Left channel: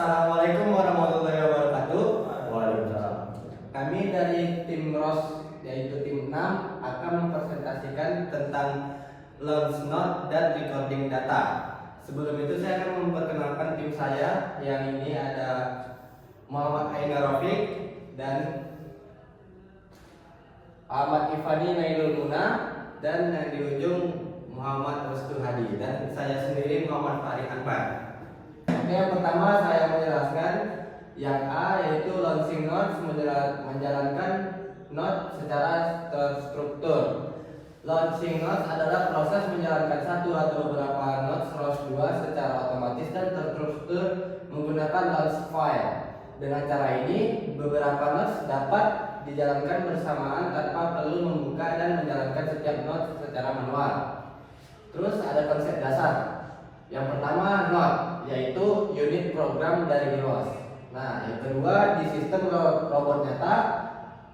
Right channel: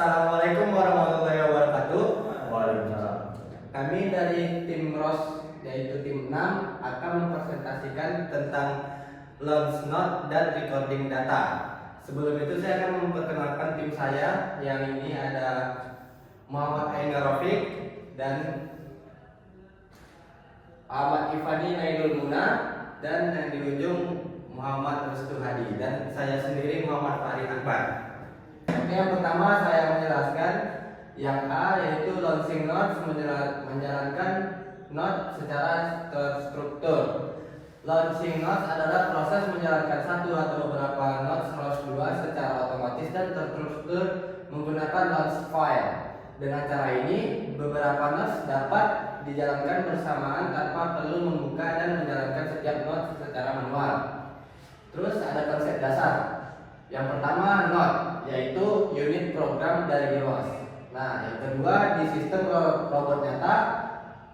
Assalamualaikum warahmatullahi wabarakatuh. Waalaikumsalam. Kami dari tim ROS yaitu tim 6 akan mempresentasikan tentang launch note dan recording data. Sebelum itu saya akan memperkenalkan tim saya. Yang ini ada Muhammad Aina Rafiq dan Ahmad Ifani Nailul Muna, dan yang di ujung Muhammad Restu Hadi, dan saya sendiri Muhammad Farid Akbar. Oke, yang pertama saya menjelaskan yang A, yaitu launching notes, menjalankan note secara terstruktur. Launching notes adalah proses menjalankan satu atau beberapa notes ROS 2 secara otomatis dan terstruktur menggunakan launch file. Dengan cara ini, beberapa notes dapat dijalankan bersamaan tanpa perlu membuka dan menjalankan setiap note secara manual. Terus ada konsep dasar. Yang pertama, note, yaitu unit program dari ROS. Nah, yang kedua, di sistem robot nyata,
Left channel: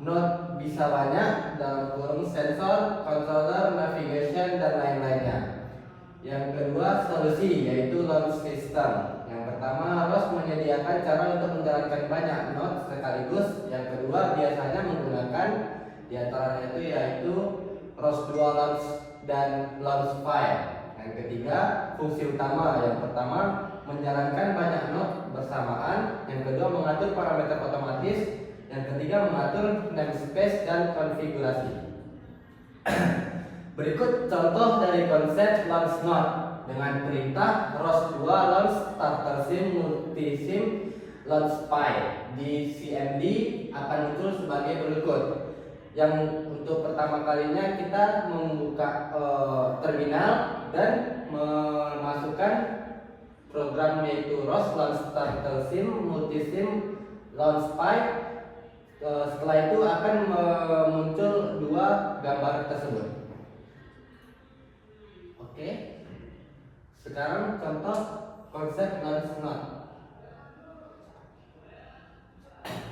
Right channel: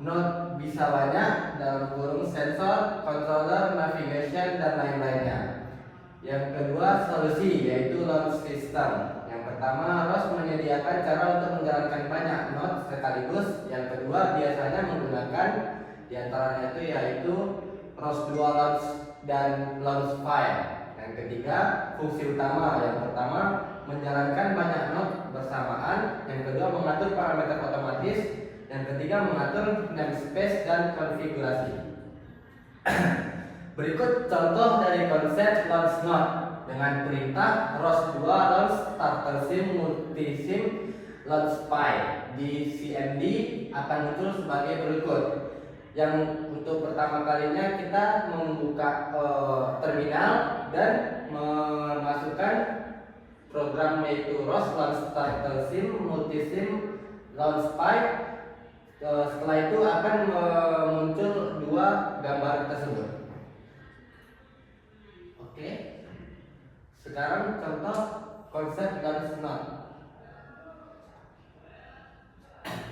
note bisa banyak dalam kurung sensor, controller, navigation, dan lain-lainnya. Yang kedua, solusi, yaitu launch system. Yang pertama, ROS menyediakan cara untuk menjalankan banyak note sekaligus. Yang kedua, biasanya menggunakan diantaranya itu yaitu ROS 2 launch dan launch file. Yang ketiga, fungsi utama. Yang pertama, menjalankan banyak note bersamaan. Yang kedua, mengatur parameter otomatis. Yang ketiga, mengatur namespace dan konfigurasi. Berikut contoh dari konsep launch note dengan perintah ROS 2 launch starter sim multisim launch file. Di CMD akan muncul sebagai berikut. Yang untuk pertama kalinya kita membuka terminal dan memasukkan program yaitu ROS launch starter sim multisim launch file. Setelah itu akan muncul dua gambar tersebut. Oke. Sekarang contoh konsep launch note.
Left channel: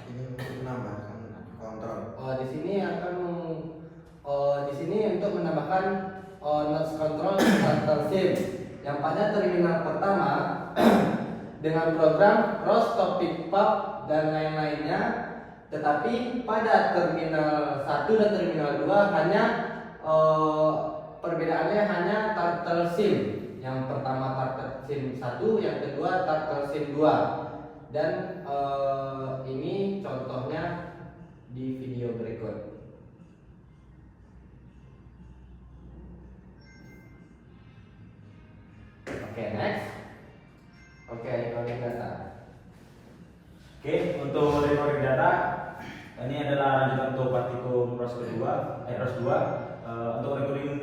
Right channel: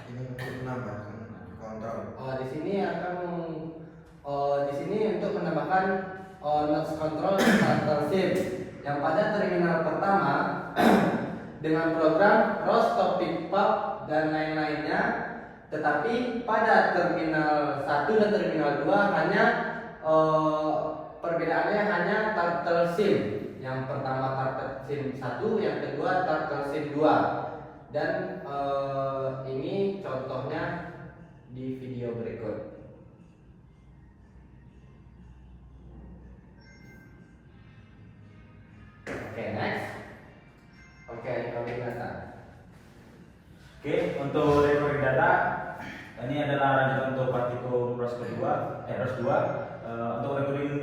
Ini untuk menambahkan kontrol. Di sini untuk menambahkan notes control starter sim yang pada terminal pertama dengan program ROS topic pub dan lain-lainnya, tetapi pada terminal 1 dan terminal 2 hanya perbedaannya hanya turtle sim. Yang pertama turtle sim 1, yang kedua turtle sim 2. Dan ini contohnya di video berikut. Oke, next. Oke, recording data. Oke, untuk recording data ini adalah lanjutan untuk praktikum ROS 2. Untuk recording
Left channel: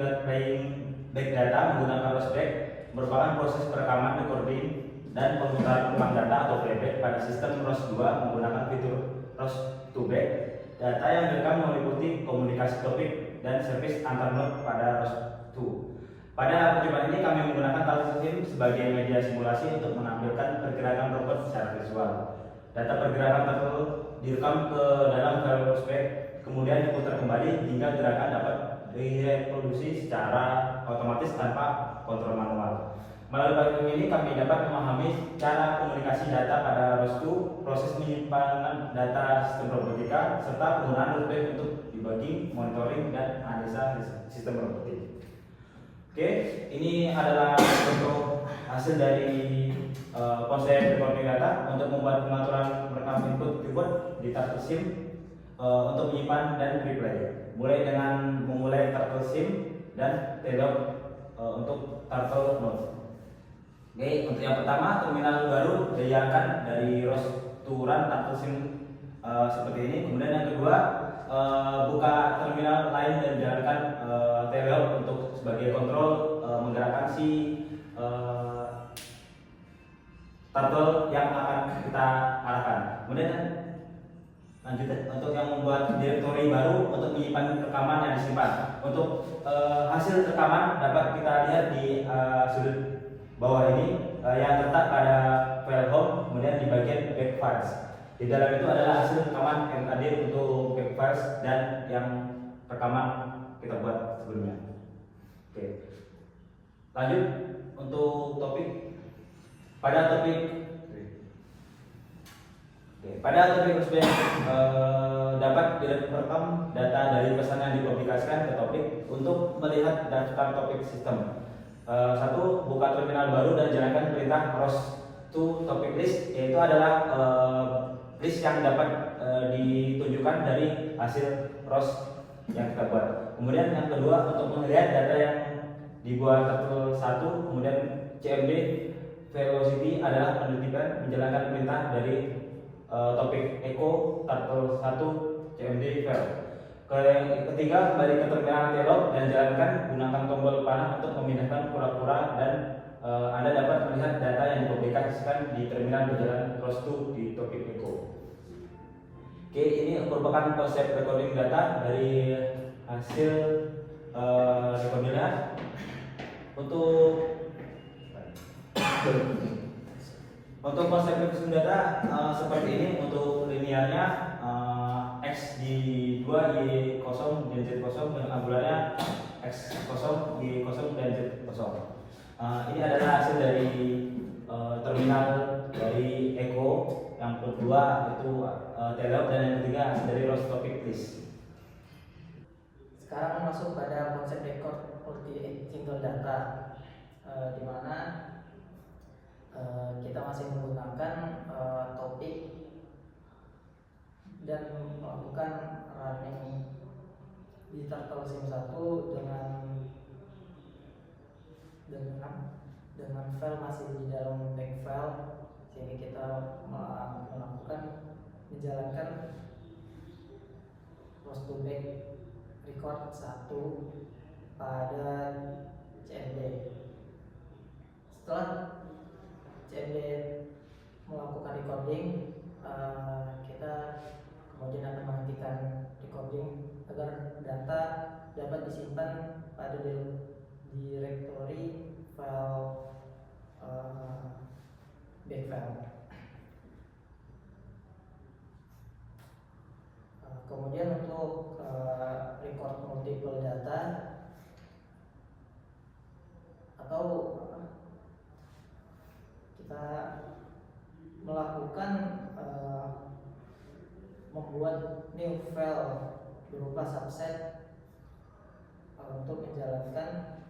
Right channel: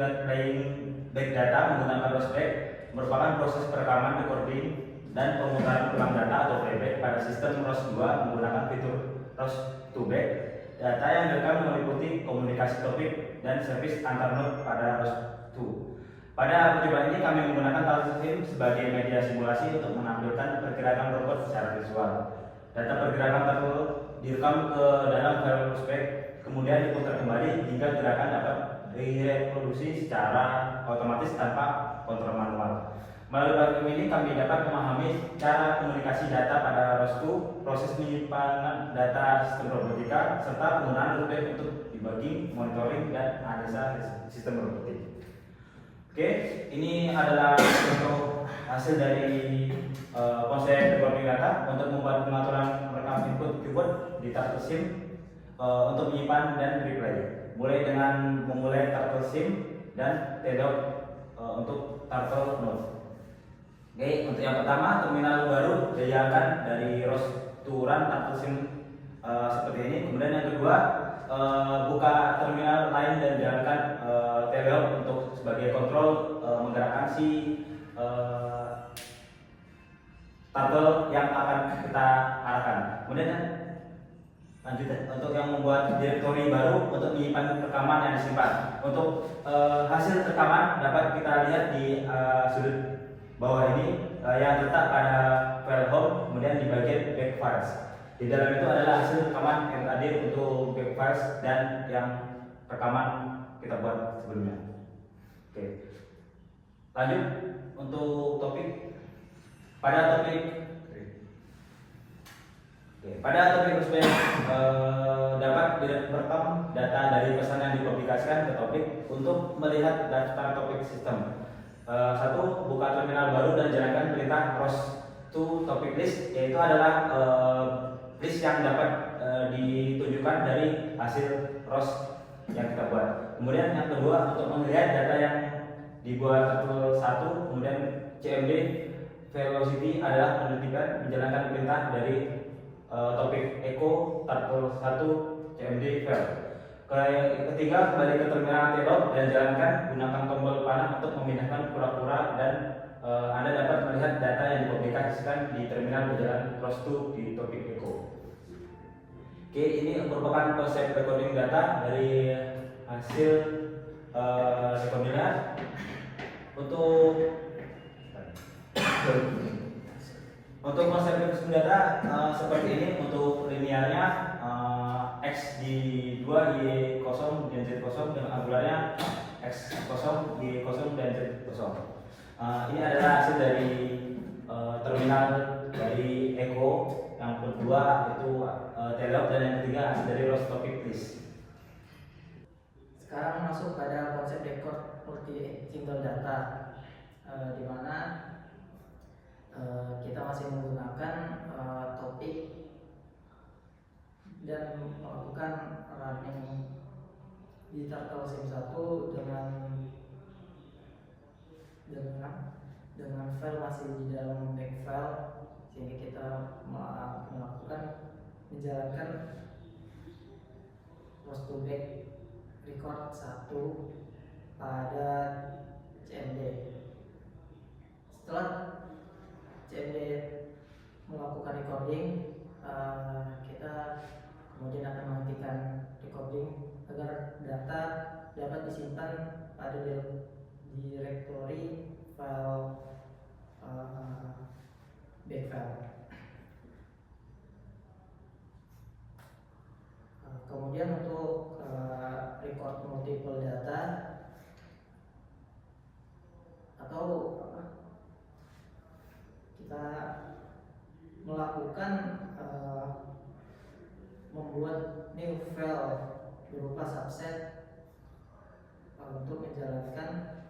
back data menggunakan ROS back merupakan proses perekaman, recording, dan pemutaran ulang data atau playback pada sistem ROS 2 menggunakan fitur ROS to back. Data yang direkam meliputi komunikasi topik dan service antar node pada ROS 2. Pada percobaan ini kami menggunakan turtle sim sebagai media simulasi untuk menampilkan pergerakan robot secara visual. Data pergerakan turtle direkam ke dalam file ROS back, kemudian diputar kembali hingga gerakan dapat direproduksi secara otomatis tanpa kontrol manual. Melalui platform ini kami dapat memahami cara komunikasi data pada ROS 2, proses penyimpanan data sistem robotika, serta penggunaan ROS back untuk debugging, monitoring, dan analisa sistem robotik. Oke, ini adalah bentuk hasil dari konsep recording data untuk membuat pengaturan merekam input keyboard di turtle sim untuk menyimpan dan replay. Mulai dengan memulai turtle sim dan telog untuk turtle node. Oke, untuk yang pertama, terminal baru dijalankan dari ROS to run turtle sim seperti ini. Kemudian yang kedua, buka terminal lain dan jalankan telog untuk sebagai kontrol menggerakkan si turtle yang akan kita arahkan. Kemudian lanjut untuk yang membuat direktori baru untuk menyimpan rekaman yang disimpan. Untuk hasil rekaman dapat kita lihat di sudut bawah ini yang terletak pada file home, kemudian di bagian back files. Di dalam itu adalah hasil rekaman yang tadi untuk back files dan yang rekaman kita buat sebelumnya. Oke. Lanjut untuk topik. Pada topik pada topik tersebut dapat direkam data dari pesan yang dipublikasikan ke topik untuk melihat daftar topik sistem. Satu, buka terminal baru dan jalankan perintah ROS to topic list, yaitu adalah list yang dapat ditunjukkan dari hasil ROS yang kita buat. Kemudian yang kedua, untuk melihat data yang dibuat turtle 1, kemudian CMD velocity adalah menjalankan perintah dari topik echo turtle 1 CMD vel. Ketiga, kembali ke terminal anti-lock dan jalankan gunakan tombol panah untuk memindahkan kura-kura dan Anda dapat melihat data yang dipublikasikan di terminal berjalan ROS2 di topik echo. Oke, ini merupakan konsep recording data dari hasil recordingnya. Untuk konsep recording data seperti ini. Untuk linearnya X di 2, Y 0 dan Z 0, dan angularnya X 0, Y 0 dan Z 0. Ini adalah hasil dari terminal dari Echo. Yang kedua itu teleop, dan yang ketiga hasil dari ROS topic list. Sekarang masuk pada konsep record multi single data, di mana kita masih menggunakan topik dan melakukan running di Turtle Sim 1 dengan file masih di dalam back file, sehingga kita menjalankan post to back record 1 pada CMD. Setelah CMD melakukan recording, kita kemudian akan menghentikan recording agar data dapat disimpan pada directory file back file. Kemudian untuk record multiple data atau kita melakukan membuat new file berupa subset untuk menjalankan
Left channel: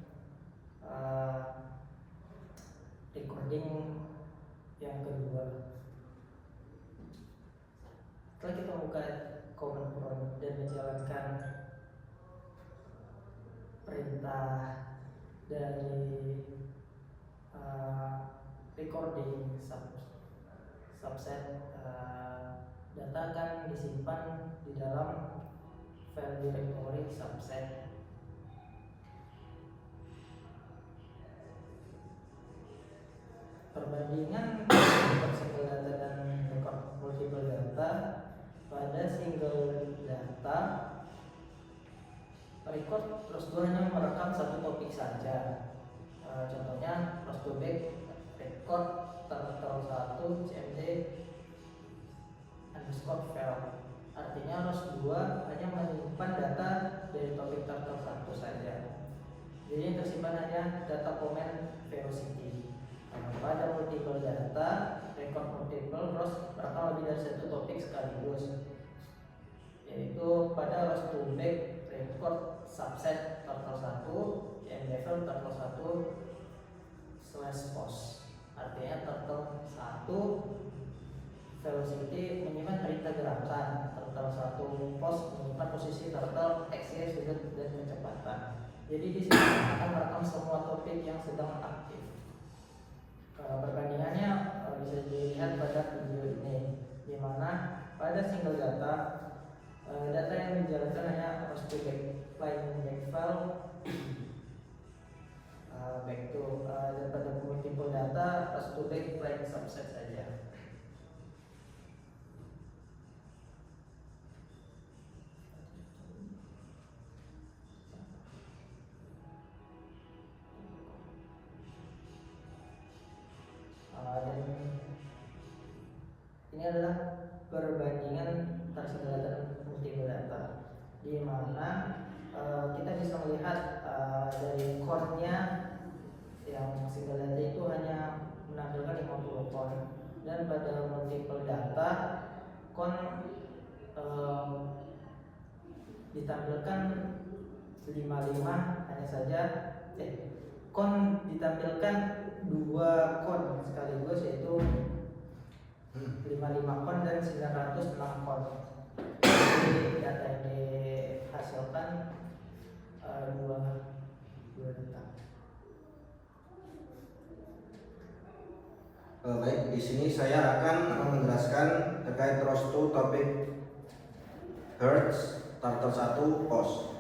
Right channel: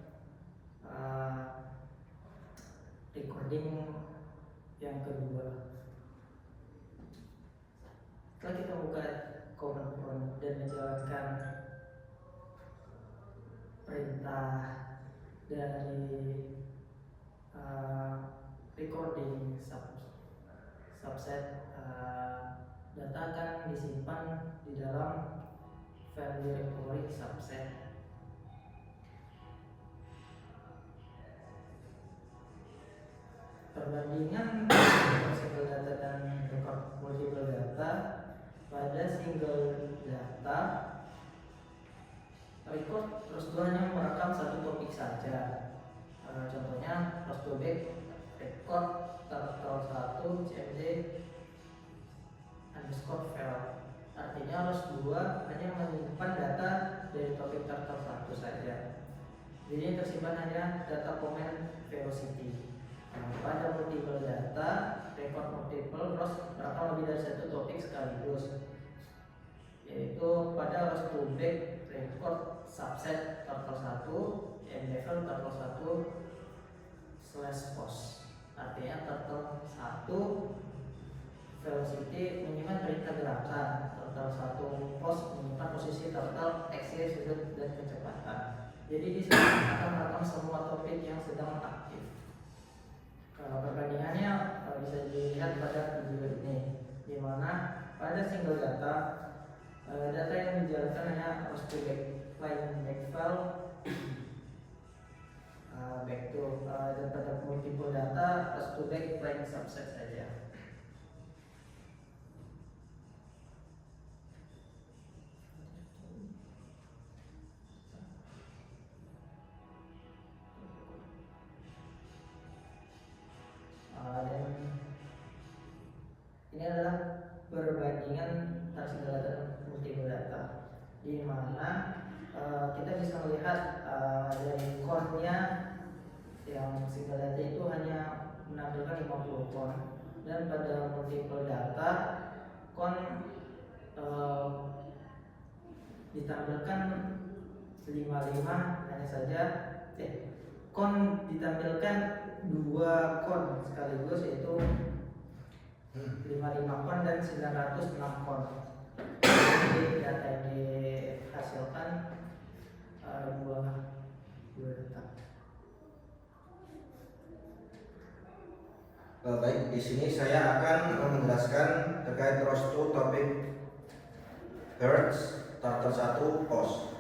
recording yang kedua. Setelah kita buka command prompt dan menjalankan perintah dari recording subset, data akan disimpan di dalam file directory subset. Perbandingan single data dan record multiple data. Pada single data, record ROS2 hanya merekam satu topik saja. Contohnya ROS2 back record turtle 1 CMD underscore vel. Artinya ROS2 hanya menyimpan data dari topik turtle 1 saja. Jadi yang tersimpan hanya data komen velocity. Pada multiple data, record multiple ROS merekam lebih dari satu topik sekaligus, yaitu pada ROS2 back record subset turtle 1 yang level turtle 1 / post. Artinya turtle 1 velocity menyimpan perintah gerakan, turtle 1 post menyimpan posisi turtle, x, y, z, dan kecepatan. Jadi di sini akan merekam semua topik yang sedang aktif. Perbandingannya bisa dilihat pada video ini, di mana pada single data, data yang dijalankan hanya ROS2 backline back file back to, dan pada multiple data ROS2 backline subset saja. Dan ini adalah perbandingan antara single data dan multiple data, di mana kita bisa melihat dari core-nya yang single data itu hanya menampilkan 50 core, dan pada multiple data kon ditampilkan 55 hanya saja kon ditampilkan 2 kon sekaligus, yaitu 55 kon dan 906 kon. Jadi data yang dihasilkan dua data. Baik, di sini saya akan menjelaskan terkait rows to topik Hertz turtle 1 post.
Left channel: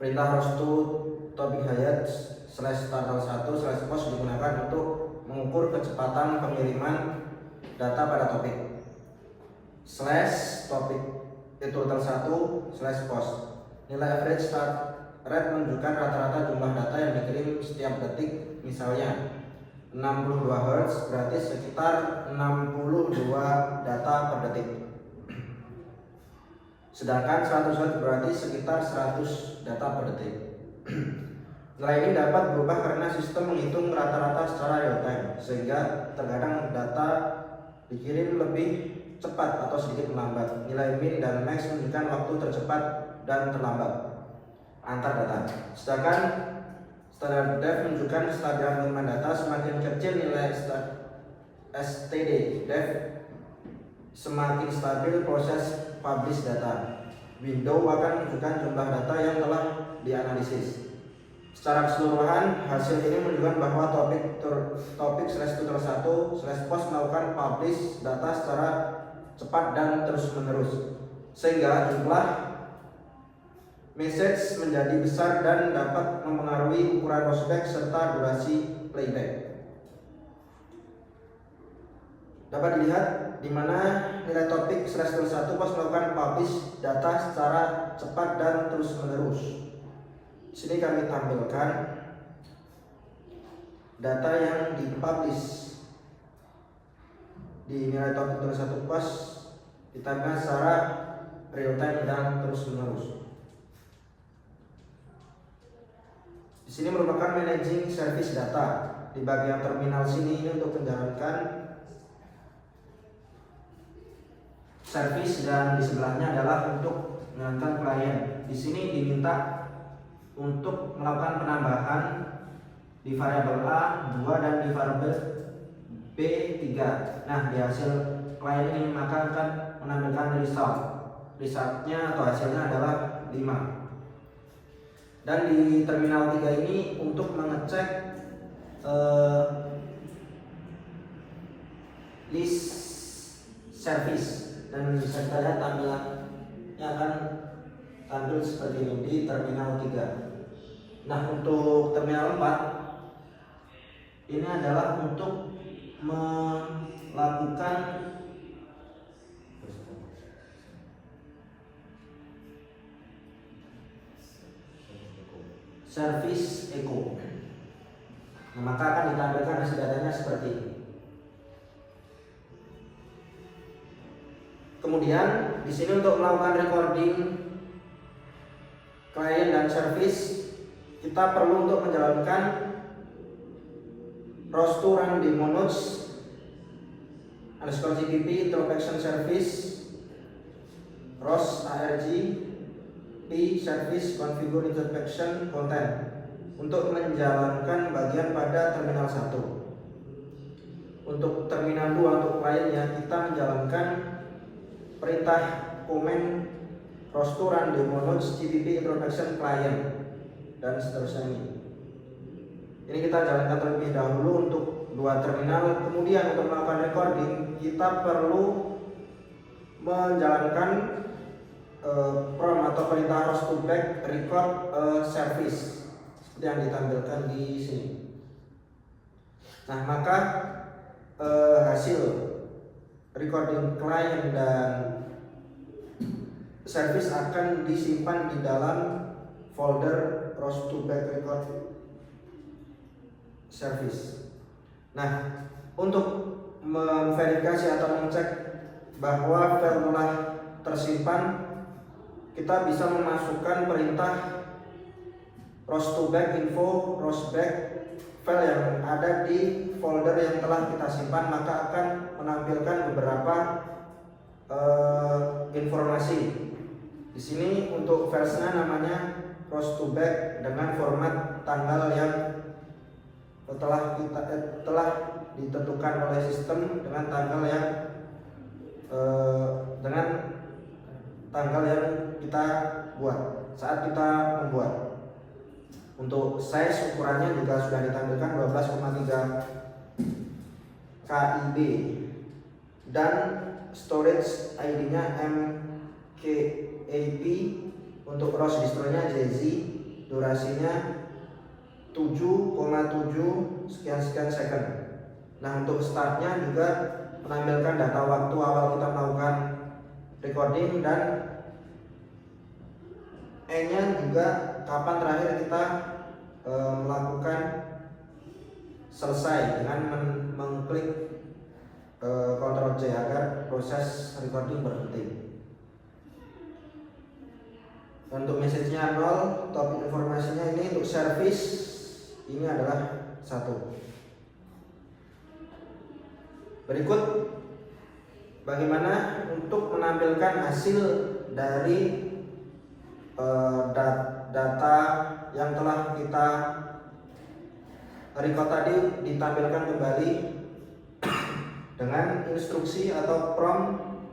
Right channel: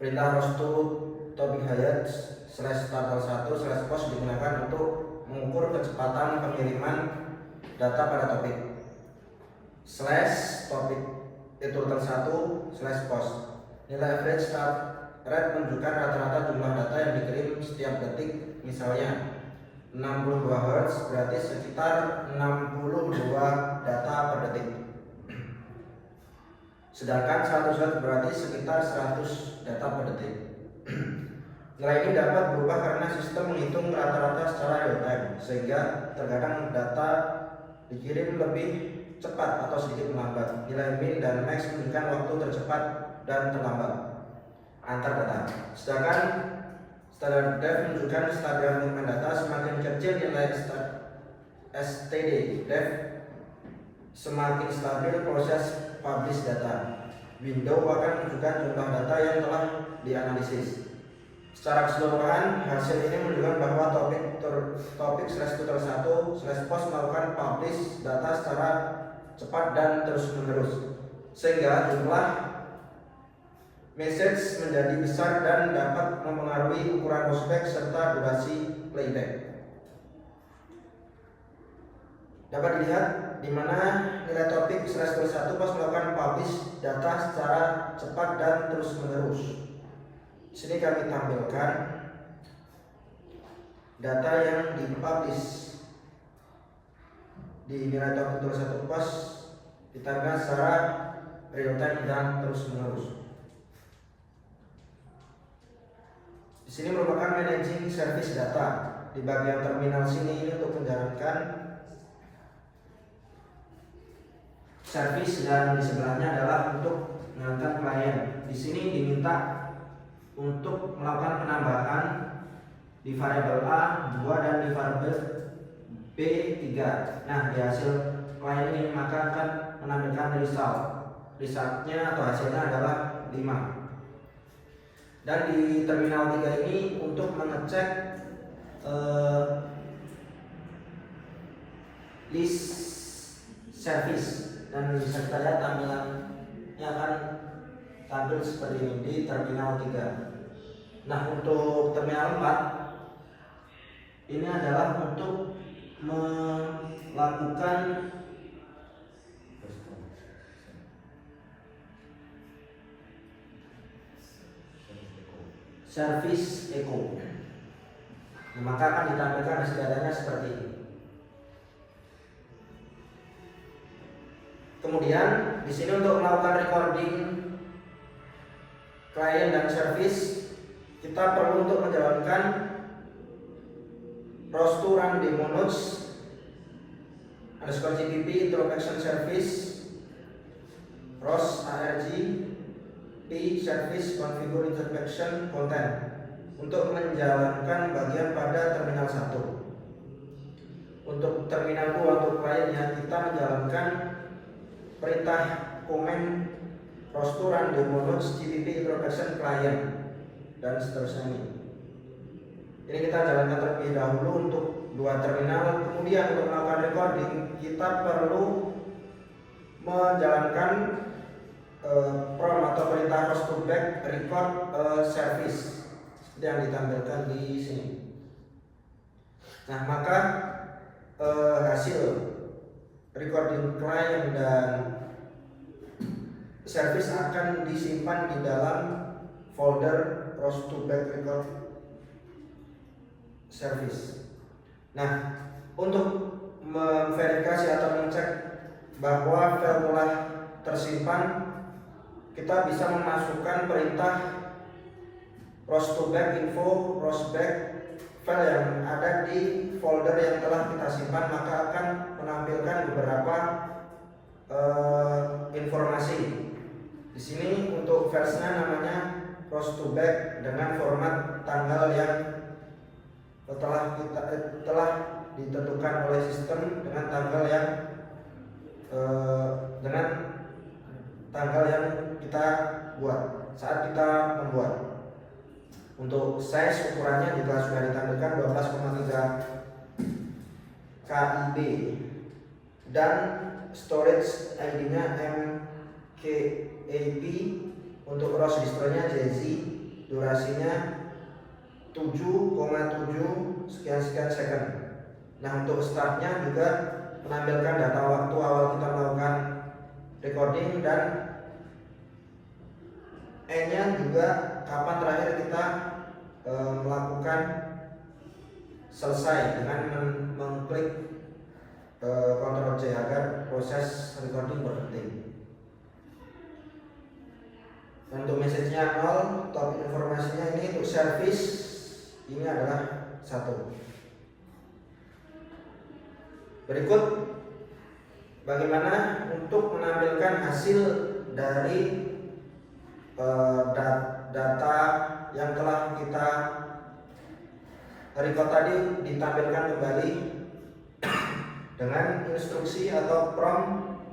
Perintah rows to topik Hertz /turtle 1 /post digunakan untuk mengukur kecepatan pengiriman data pada topik. /topik turtle 1 /post. Nilai average start rate menunjukkan rata-rata jumlah data yang dikirim setiap detik, misalnya 62 Hz berarti sekitar 62 data per detik. Sedangkan 100 Hz berarti sekitar 100 data per detik. Nilai ini dapat berubah karena sistem menghitung rata-rata secara real time, sehingga terkadang data dikirim lebih cepat atau sedikit melambat. Nilai min dan max menunjukkan waktu tercepat dan terlambat antar data. Sedangkan standard def menunjukkan stabilan pengiriman data. Semakin kecil nilai std def, semakin stabil proses publish data. Window akan menunjukkan jumlah data yang telah dianalisis. Secara keseluruhan, hasil ini menunjukkan bahwa topik /tutor 1/post melakukan publish data secara cepat dan terus-menerus, sehingga jumlah message menjadi besar dan dapat mempengaruhi ukuran rollback serta durasi playback. Dapat dilihat di mana nilai topik /tutor 1/post melakukan publish data secara cepat dan terus-menerus. Di sini kami tampilkan data yang dipublish di nilai topik tutor 1/post ditampilkan secara real time dan terus-menerus. Di sini merupakan managing service data. Di bagian terminal sini ini untuk menjalankan service, dan di sebelahnya adalah untuk menjalankan klien. Di sini diminta untuk melakukan penambahan di variabel A 2 dan di variabel B 3. Nah, di hasil klien ini maka akan menampilkan resultnya atau hasilnya adalah 5. Dan di terminal 3 ini untuk mengecek list service, dan bisa kita lihat tampilannya akan tampil seperti ini di terminal 3. Nah, untuk terminal 4 ini adalah untuk melakukan service echo. Nah, maka akan ditampilkan hasil datanya seperti ini. Kemudian di sini untuk melakukan recording klien dan service, kita perlu untuk menjalankan rows to run demo nodes _gpp introspection service rows arg p service configure introspection content untuk menjalankan bagian pada terminal 1. Untuk terminal 2 untuk kliennya kita menjalankan perintah komen rows to run demo nodes gpp introspection client dan seterusnya ini. Ini kita jalankan terlebih dahulu untuk 2 terminal. Kemudian untuk melakukan recording kita perlu menjalankan prompt atau perintah rows to back record service seperti yang ditampilkan di sini. Nah, maka hasil recording client dan service akan disimpan di dalam folder rows to back record service. Nah, untuk memverifikasi atau mengecek bahwa file telah tersimpan, kita bisa memasukkan perintah rows to back info rows back file yang ada di folder yang telah kita simpan, maka akan menampilkan beberapa informasi. Di sini untuk versinya namanya cross to back dengan format tanggal yang telah ditentukan oleh sistem dengan tanggal yang kita buat saat kita membuat. Untuk size ukurannya juga sudah ditampilkan 12,3 KB dan storage ID-nya MKAP. Untuk ROS distronya JZ, durasinya 7,7 sekian second. Nah, untuk startnya juga menampilkan data waktu awal kita melakukan recording dan E-nya juga kapan terakhir kita melakukan selesai dengan mengklik Ctrl J agar proses recording berhenti. Dan untuk message-nya 0, topik informasinya ini untuk service ini adalah 1. Berikut bagaimana untuk menampilkan hasil dari data yang telah kita record tadi, ditampilkan kembali dengan instruksi atau prompt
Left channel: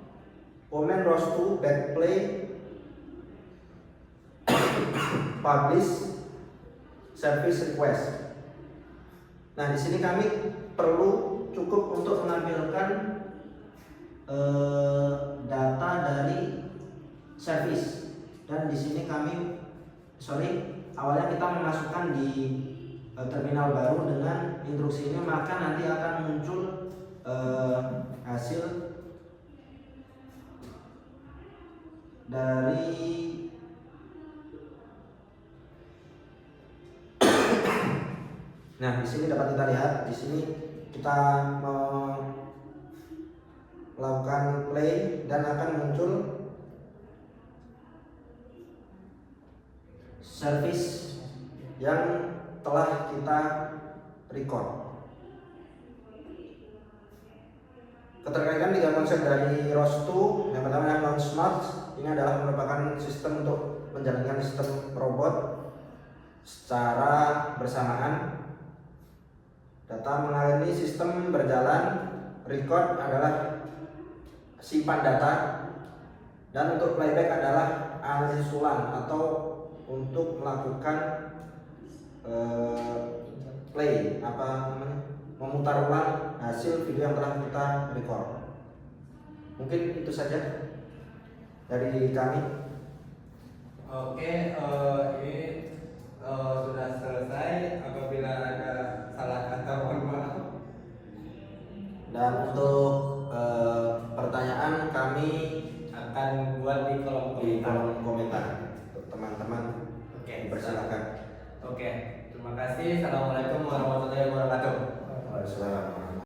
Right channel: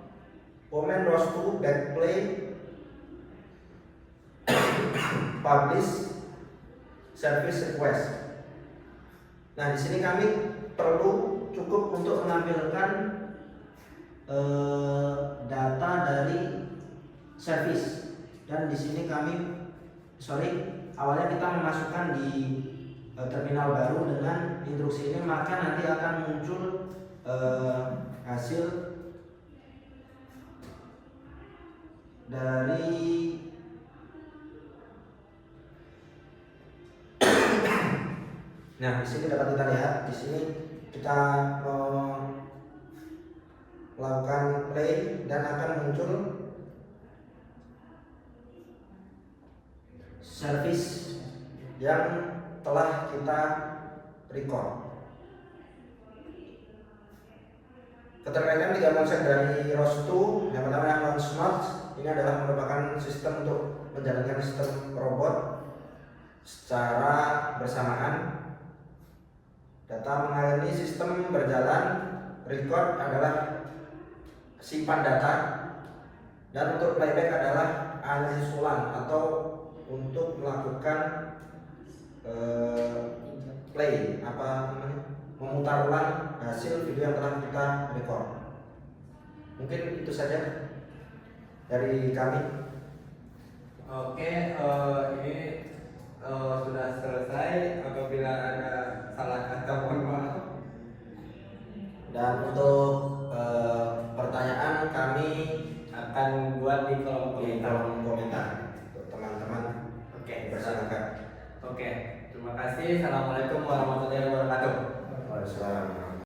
command ROS2 backplay publish service request. Nah, di sini kami perlu cukup untuk menampilkan data dari service. Dan di sini awalnya kita memasukkan di terminal baru dengan instruksi ini, maka nanti akan muncul hasil dari nah, di sini dapat kita lihat, di sini kita melakukan play dan akan muncul service yang telah kita record. Keterkaitan 3 konsep dari ROS2. Yang pertama yang non-smart, ini adalah merupakan sistem untuk menjalankan sistem robot secara bersamaan. Data mengalami sistem berjalan. Record adalah simpan data, dan untuk playback adalah analisis ulang atau untuk melakukan memutar ulang hasil video yang telah kita record. Mungkin itu saja dari kami. Oke, ini sudah selesai. Apabila ada salah kata mohon maaf. Dan untuk pertanyaan kami Akan buat di kolom di komentar. kolom komentar untuk teman-teman. Oke, Persilakan. Oke, terima kasih. Assalamualaikum warahmatullahi wabarakatuh. Waalaikumsalam.